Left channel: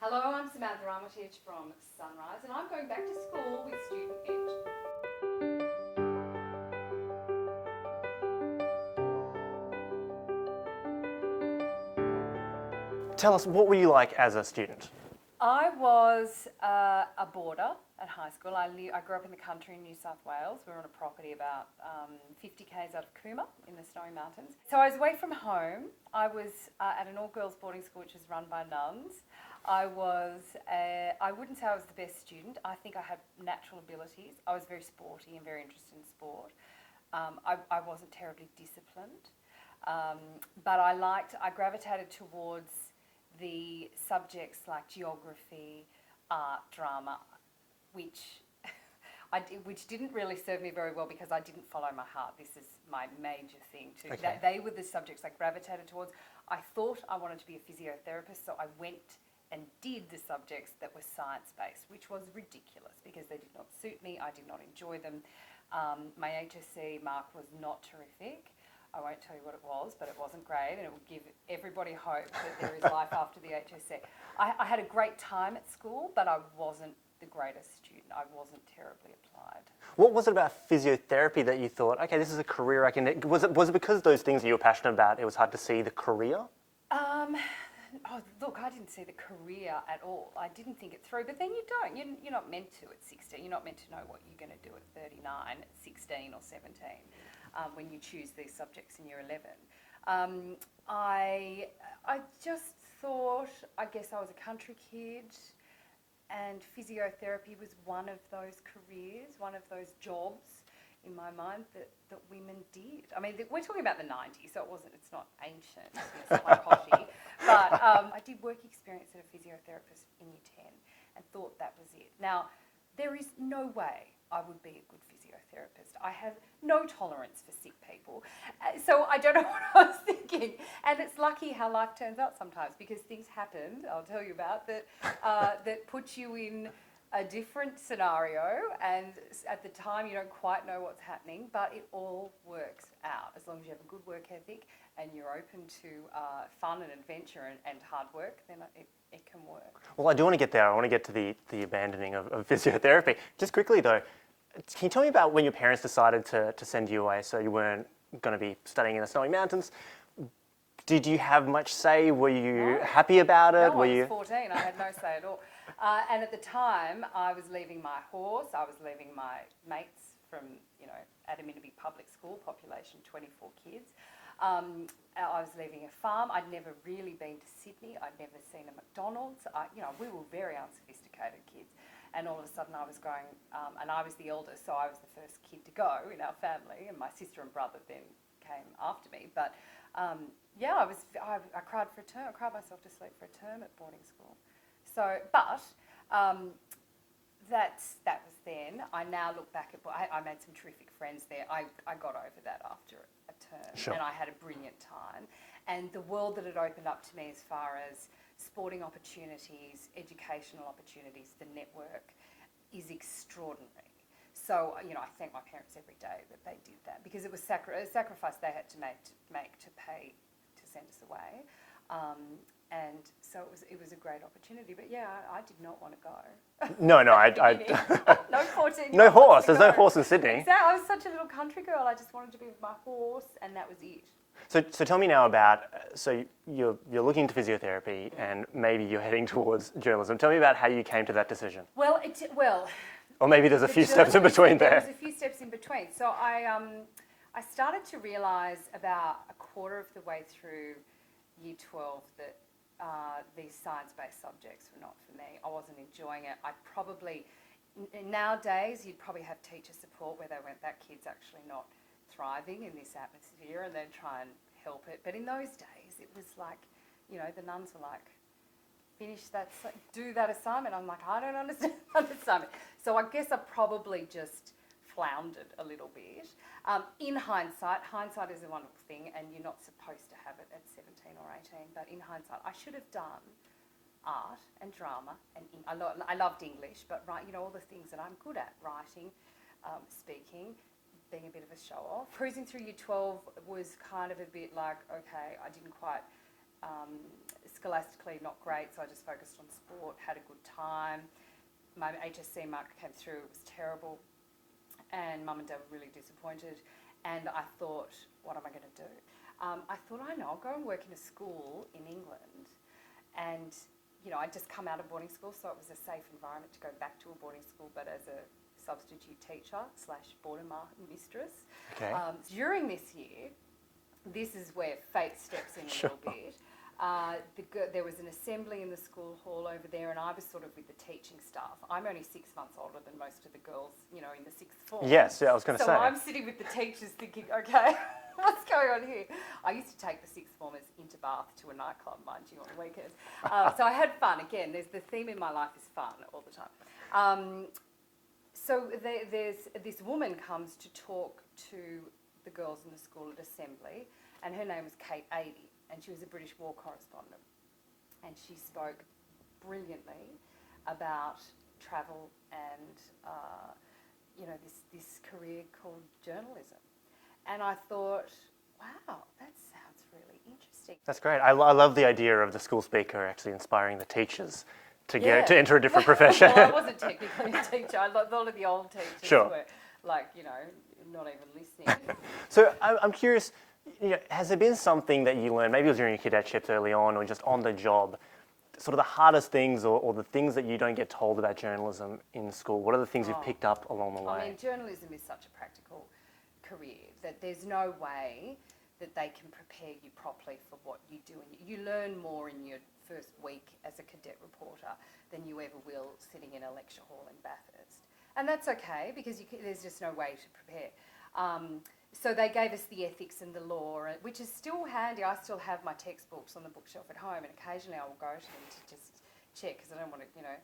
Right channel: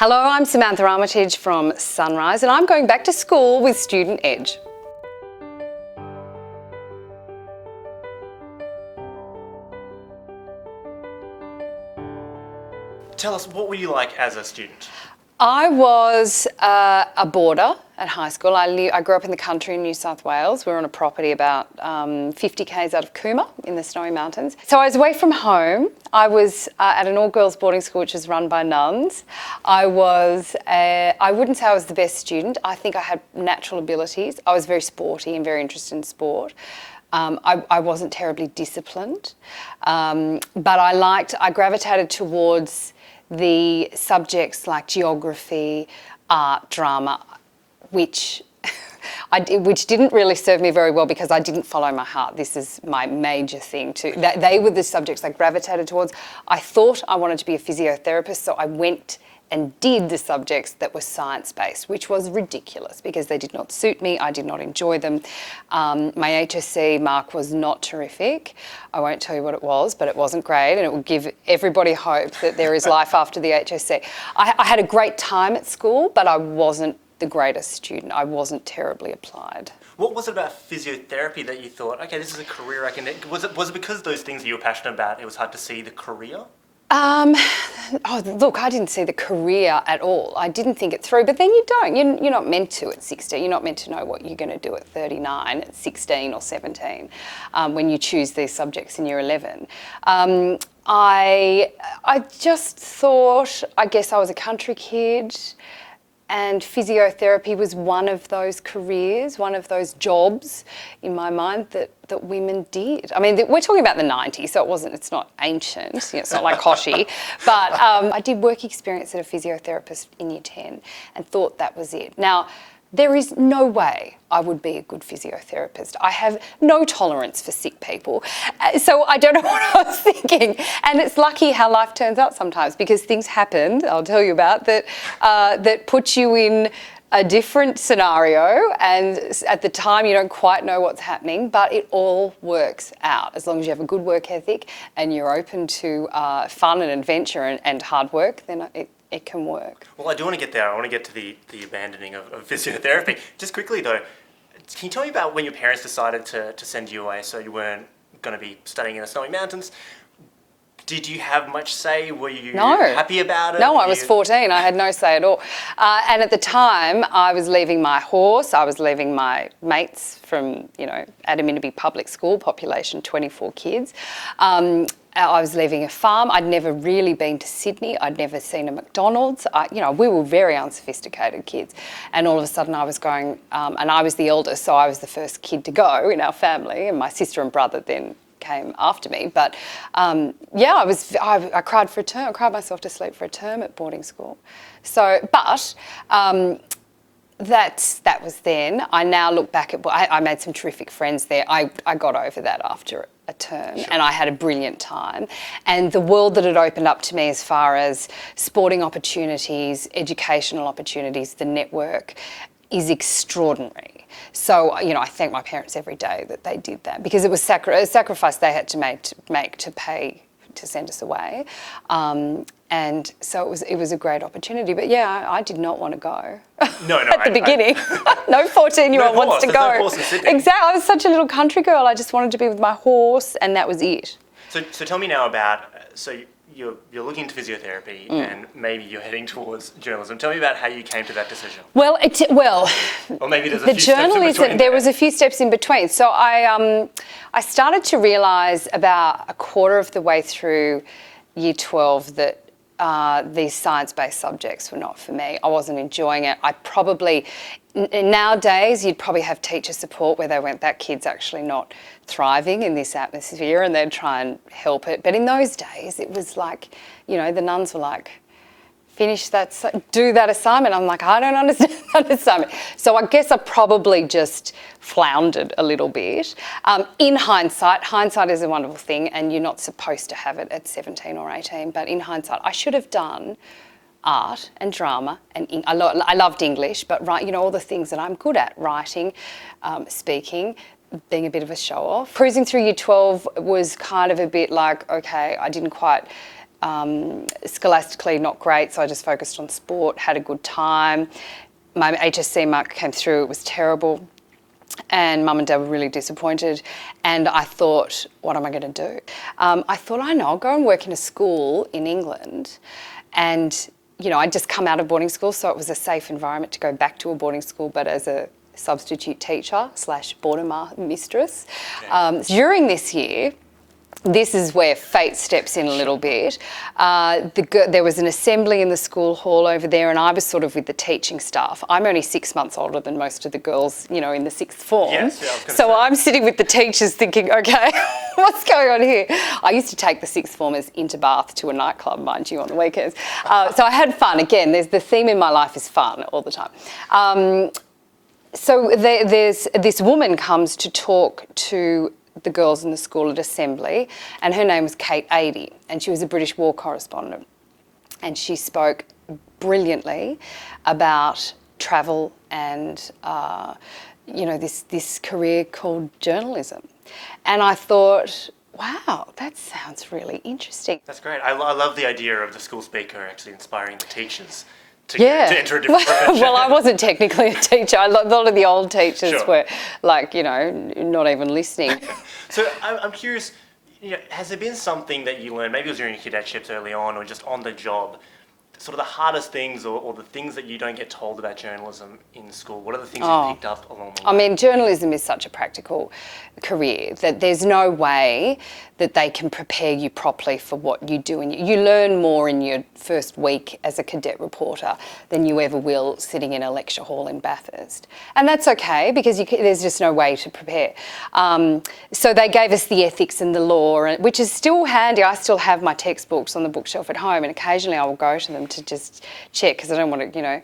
Hello, I'm Samantha Armytage from Sunrise and I'm going back to school with Student Edge. Tell us, what were you like as a student? I was a boarder at high school. I grew up in the country in New South Wales. We were on a property about 50 k's out of Cooma in the Snowy Mountains. So I was away from home. I was at an all-girls boarding school which was run by nuns. I wouldn't say I was the best student. I think I had natural abilities. I was very sporty and very interested in sport. I wasn't terribly disciplined, but I gravitated towards the subjects like geography, art, drama, which didn't really serve me very well because I didn't follow my heart. This is my major thing too. They were the subjects I gravitated towards. I thought I wanted to be a physiotherapist, so I went and did the subjects that were science-based, which was ridiculous because they did not suit me. I did not enjoy them. My HSC mark was not terrific. I won't tell you what it was, but it wasn't great, and it would give everybody hope that there is life after the HSC. I had a great time at school, but I wasn't the greatest student. I wasn't terribly applied. What was it about physiotherapy that you thought, okay, this is a career I can... Was it because of those things that you were passionate about, it was hard to see the career? Look, I didn't see the career at all. I didn't think it through, but then you don't. You're not meant to at 16. You're not meant to know what you're going to do at 39, at 16 or 17 when you choose these subjects in year 11. I just thought, I guess I was a country kid, and physiotherapy was one of those careers, one of those jobs in my mind that women did. I mean, we're talking about the 90s, so it's not ancient, it's not like Kochie, but I did work experience at a physiotherapist in year 10 and thought that was it. Now, there is no way I would be a good physiotherapist. I have no tolerance for sick people. So I don't know what I was thinking. And it's lucky how life turns out sometimes because things happened, I'll tell you about, that put you in a different scenario, and at the time you don't quite know what's happening, but it all works out as long as you have a good work ethic and you're open to fun and adventure and hard work, then it can work. Well, I do want to get there. I want to get to the abandoning of physiotherapy. Just quickly though, can you tell me about when your parents decided to send you away so you weren't going to be studying in the Snowy Mountains? Did you have much say? Were you happy about it? No, I was 14. I had no say at all. And at the time, I was leaving my horse. I was leaving my mates from, Armytage public school, population 24 kids. I was leaving a farm. I'd never really been to Sydney. I'd never seen a McDonald's. We were very unsophisticated kids. And all of a sudden I was going, and I was the eldest, so I was the first kid to go in our family, and my sister and brother then came after me. But I cried for a term. I cried myself to sleep for a term at boarding school. So, but that was then. I now look back at, I made some terrific friends there. I got over that after a term, sure. And I had a brilliant time. And the world that it opened up to me as far as sporting opportunities, educational opportunities, the network is extraordinary. So, I thank my parents every day that they did that because it was a sacrifice they had to make to pay to send us away. And so it was a great opportunity. But yeah, I did not want to go. No, at the beginning. No 14-year-old wants to go. There's no horse in Sydney. Exactly. I was such a little country girl. I just wanted to be with my horse, and that was it. So tell me now about, you're looking into physiotherapy and maybe you're heading towards journalism. Tell me about how you came to that decision. Well, or maybe there's a few steps in between. There was a few steps in between. So I started to realise about a quarter of the way through year 12 that these science-based subjects were not for me. I wasn't enjoying it. Nowadays, you'd probably have teacher support where they went, that kid's actually not thriving in this atmosphere, and they'd try and help it. But in those days, it was like, the nuns were like, do that assignment. I'm like, I don't understand that assignment. So I guess I probably just floundered a little bit. In hindsight is a wonderful thing, and you're not supposed to have it at 17 or 18, but in hindsight, I should have done art and drama, and I loved English, but all the things that I'm good at, writing, speaking, being a bit of a show-off. Cruising through year 12 was kind of a bit like, okay, I didn't quite scholastically not great, so I just focused on sport, had a good time. My HSC mark came through, it was terrible. And Mum and Dad were really disappointed. And I thought, what am I going to do? I thought, I know, I'll go and work in a school in England. And, you know, I'd just come out of boarding school, so it was a safe environment to go back to a boarding school, but as a substitute teacher / boarder mistress. Yeah. During this year, this is where fate steps in a little bit. There was an assembly in the school hall over there, and I was sort of with the teaching staff. I'm only 6 months older than most of the girls, you know, in the sixth form. Yes, yeah, I was gonna so say. I'm sitting with the teachers thinking, okay, what's going on here? I used to take the sixth formers into Bath to a nightclub, mind you, on the weekends. So I had fun. Again, there's the theme in my life is fun all the time. So there's this woman comes to talk to the girls in the school at assembly, and her name was Kate Adie, and she was a British war correspondent, and she spoke brilliantly about travel and you know, this career called journalism. And I thought, wow, that sounds really interesting. That's great. I love the idea of the school speaker actually inspiring the teachers to, Yeah. to enter a different profession. Well, I wasn't technically a teacher. A lot of the old teachers Sure. were like, you know, not even listening. So I'm curious, you know, has there been something that you learned, maybe it was during your cadetships early on or just on the job, sort of the hardest things or the things that you don't get told about journalism in school? What are the things you picked up along the way? I mean, journalism is such a practical career that there's no way that they can prepare you properly for what you do. And you learn more in your first week as a cadet reporter than you ever will sitting in a lecture hall in Bathurst. And that's okay, because there's just no way to prepare. So they gave us the ethics and the law, which is still handy. I still have my textbooks on the bookshelf at home, and occasionally I will go to them to just check, because I don't want to, you know,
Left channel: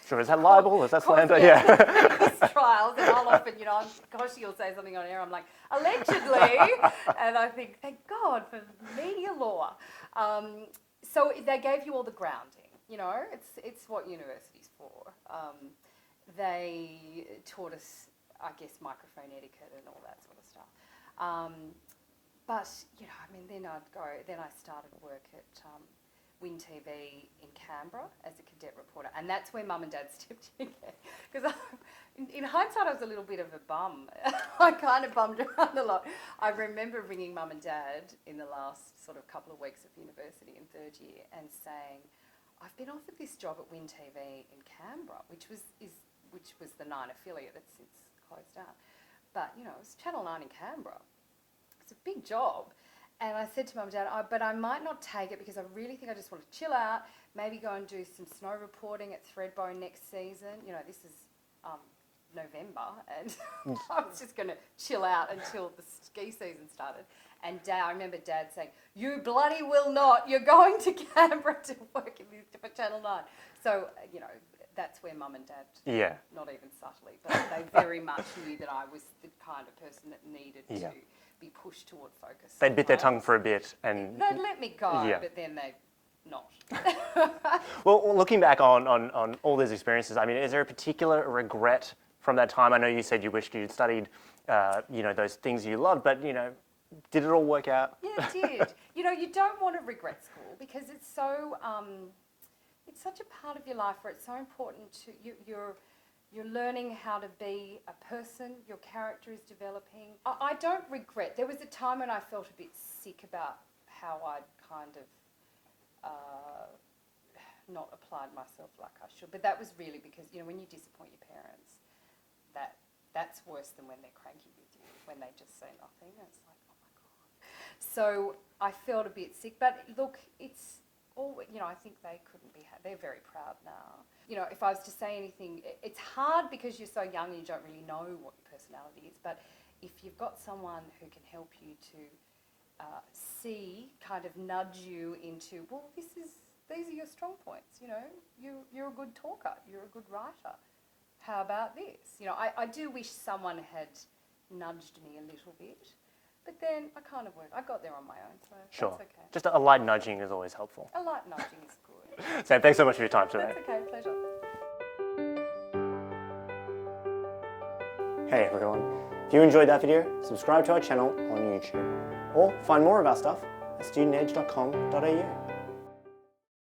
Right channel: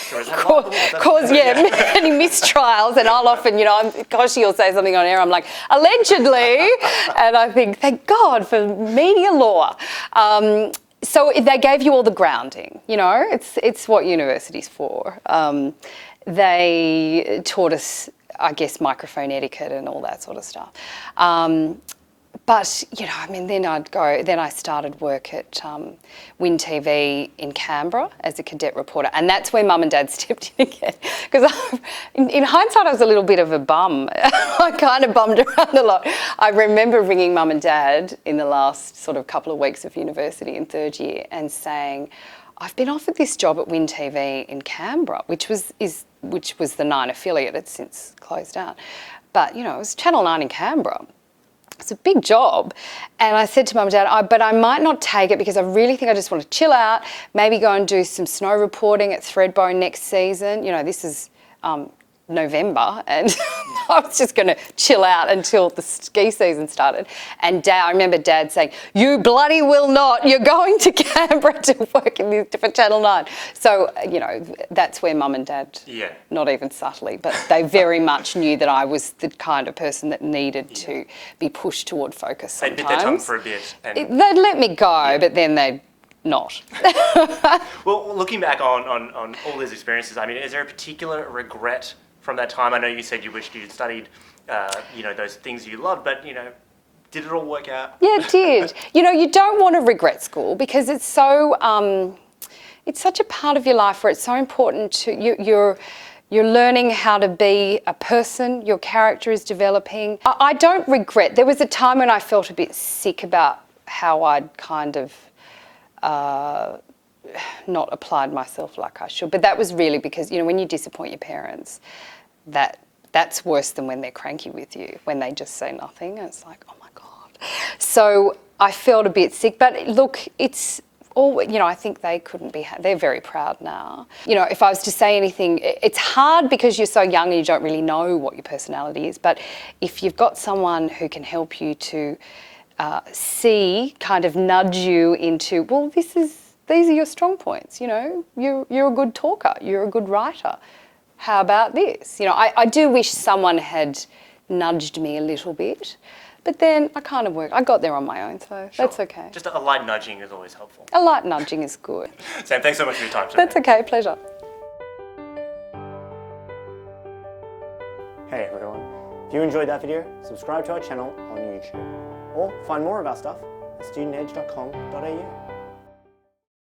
So is that liable? Is that cause any mistrials, and I'll often, you know, Kochie will say something on air, I'm like, allegedly, and I think, thank God for media law. So they gave you all the grounding, you know, it's what university's for. They taught us, I guess, microphone etiquette and all that sort of stuff. But, you know, I mean, then I started work at Win TV in Canberra as a cadet reporter, and that's where Mum and Dad stepped in again. Because in hindsight, I was a little bit of a bum. I kind of bummed around a lot. I remember ringing Mum and Dad in the last sort of couple of weeks of university in third year and saying, I've been offered this job at Win TV in Canberra, which was the 9 affiliate. It's since closed down. But, you know, it was Channel 9 in Canberra. It's a big job. And I said to Mum and Dad, but I might not take it because I really think I just want to chill out, maybe go and do some snow reporting at Threadbow next season. You know, this is November, and I was just going to chill out until the ski season started. And I remember Dad saying, you bloody will not, you're going to Canberra to work for Channel 9. So, you know, that's where Mum and Dad, not even subtly, but they very much knew that I was the kind of person that needed to be pushed toward focus sometimes. They bit their tongue for a bit. And they'd let me go, but then they'd not. Well, looking back on all those experiences, I mean, is there a particular regret from that time? I know you said you wished you'd studied, you know, those things you loved, but, you know, did it all work out? Yeah, it did. You know, you don't want to regret school because it's so, it's such a part of your life where it's so important to, you're learning how to be a person, your character is developing. I don't regret. There was a time when I felt a bit sick about how I'd kind of not applied myself like I should. But that was really because, you know, when you disappoint your parents, that's worse than when they're cranky with you, when they just say nothing. It's like, oh my God. So I felt a bit sick. But look, it's all, you know, I think they couldn't be, they're very proud now. You know, if I was to say anything, it's hard because you're so young and you don't really know what your personality is. But if you've got someone who can help you to see, kind of nudge you into, well, these are your strong points, you know, you're a good talker, you're a good writer. How about this? You know, I do wish someone had nudged me a little bit, but then I kind of I got there on my own, so that's okay. Just a light nudging is always helpful. A light nudging is good. Sam, thanks so much for your time today. That's okay, pleasure. Hey everyone, if you enjoyed that video, subscribe to our channel on YouTube. Or find more of our stuff studentedge.com.au.